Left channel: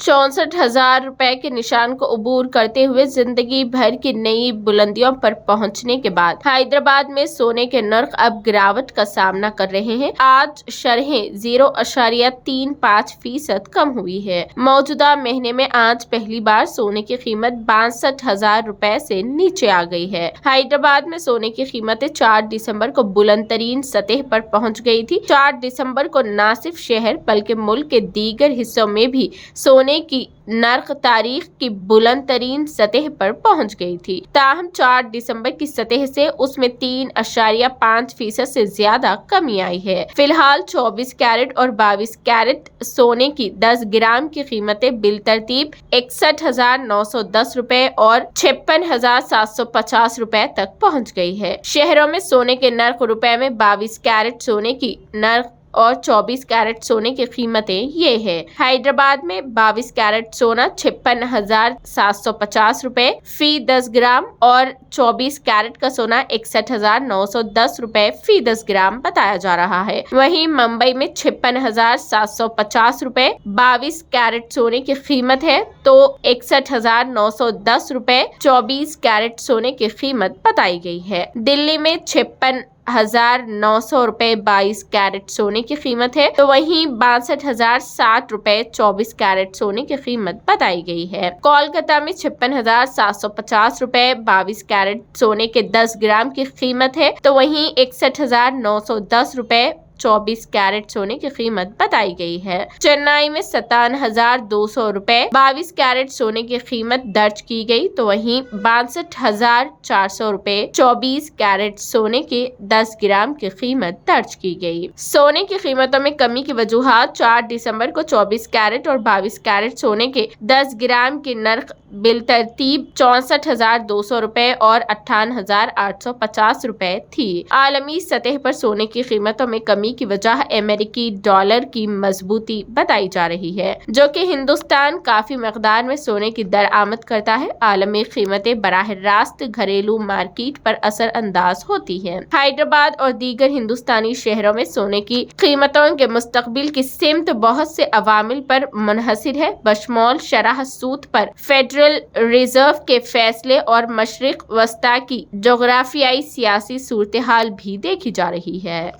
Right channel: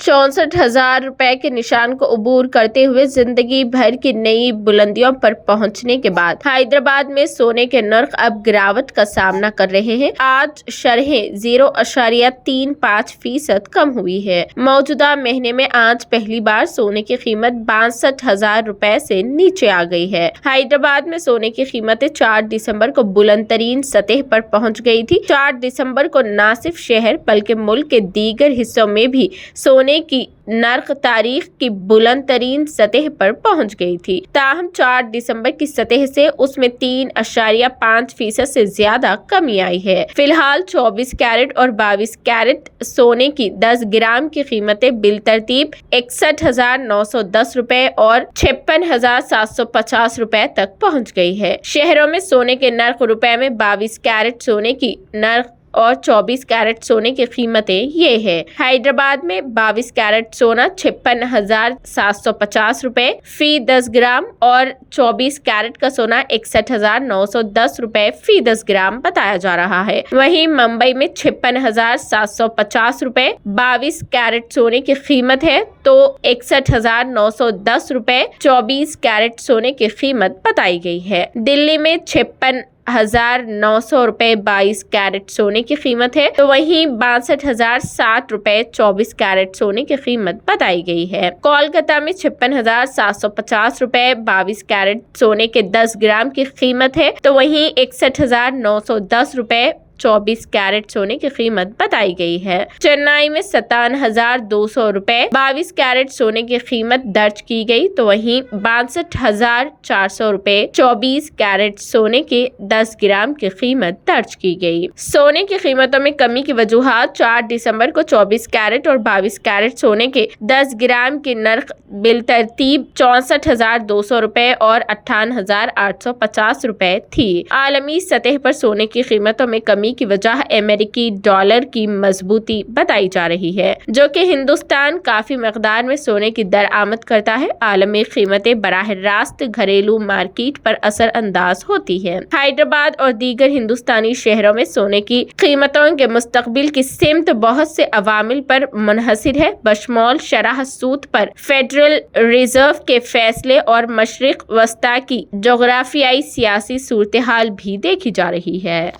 64,000 रुपए के निशान को अबूर करते हुए जिंदगी भर की नई बुलंदियों पर पहुंचने के बाद हैदराबाद में सोने के नर्ख अब गिरावट का सामना कर रहे हैं। आज शरहें 0.35% कम हुई है। मौजूदा महीने में आज पहली बार सोने की कीमत 62,000 रुपए से नीचे आ गई है। हैदराबाद में सोने की कीमतें 4 दिसंबर को बुलंद तरीन सतह पर पहुंच गई थी। 4 दिसंबर को न सिर्फ शहर बल्कि मुल्क के दीगर हिस्सों में भी सोने की नर्ख तारीख की बुलंद तरीन सतह पर पहुंच गई थी। ताहम 4 दिसंबर की सतह से उसमें 3.5% से ज्यादा कमी आई है। फिलहाल 24 कैरेट और 22 कैरेट सोने की 10 ग्राम की कीमतें बिलतरतीब 61,910 रुपए और 56,750 रुपए तक पहुंच गई है। शहरों में सोने के नर्ख रुपए में 22 कैरेट सोने की नर्ख और 24 कैरेट सोने की कीमतें ये है। हैदराबाद में 22 कैरेट सोना 56,750 रुपए फी 10 ग्राम और 24 कैरेट का सोना 61,910 रुपए फी 10 ग्राम बताया जा रहा है। वहीं मुंबई में 56,750 रुपए 22 कैरेट सोने की कीमत है तो 61,910 रुपए 24 कैरेट सोने की कीमत बताई गई है। दिल्ली में 56,900 रुपए 22 कैरेट सोने की कीमत है तो वहीं 62,060 रुपए 24 कैरेट सोने की कीमत बताई गई है। कोलकाता में 56,750 रुपए 22 कैरेट सोने के 10 ग्राम की कीमत है तो वहीं 61,910 रुपए 24 कैरेट सोने की कीमत बताई गई है। चेन्नई में 57,200 रुपए 22 कैरेट सोने की कीमत दर्ज की गई तो वहीं 62,400 रुपए 24 कैरेट सोने के 10 ग्राम की कीमत दर्ज की गई। सोने की कीमतों में कमी की वजूहात 4 दिसंबर को 24 कैरेट और 22 कैरेट सोने के 10 ग्राम की नर्ख बिलतरतीब 64,200 रुपए और 58,850 रुपए थी। आलमी सतह पर सोने की कीमतों में कमी की वजह अमेरिकी डॉलर की मजबूती बताई जा रही है, जो कि हिंदुस्तान काफी मकदार में सोने की दरआमद करता है। आलमी कीमतें बराह रास्त घरेलू मार्केट पर असर अंदाज होती है। हैदराबाद और दीगर हिंदुस्तानी शहरों में सोने की कीमतों के मुस्तकबिल की सिमत बहुत से अवामिल पर मुनहसिर है, बशमौल शरह सूद पर फेडरल रिजर्व के फैसले और मशरिक वस्ता की जोग्राफियाई सियासी सूरत हाल भी देखी जा रही है।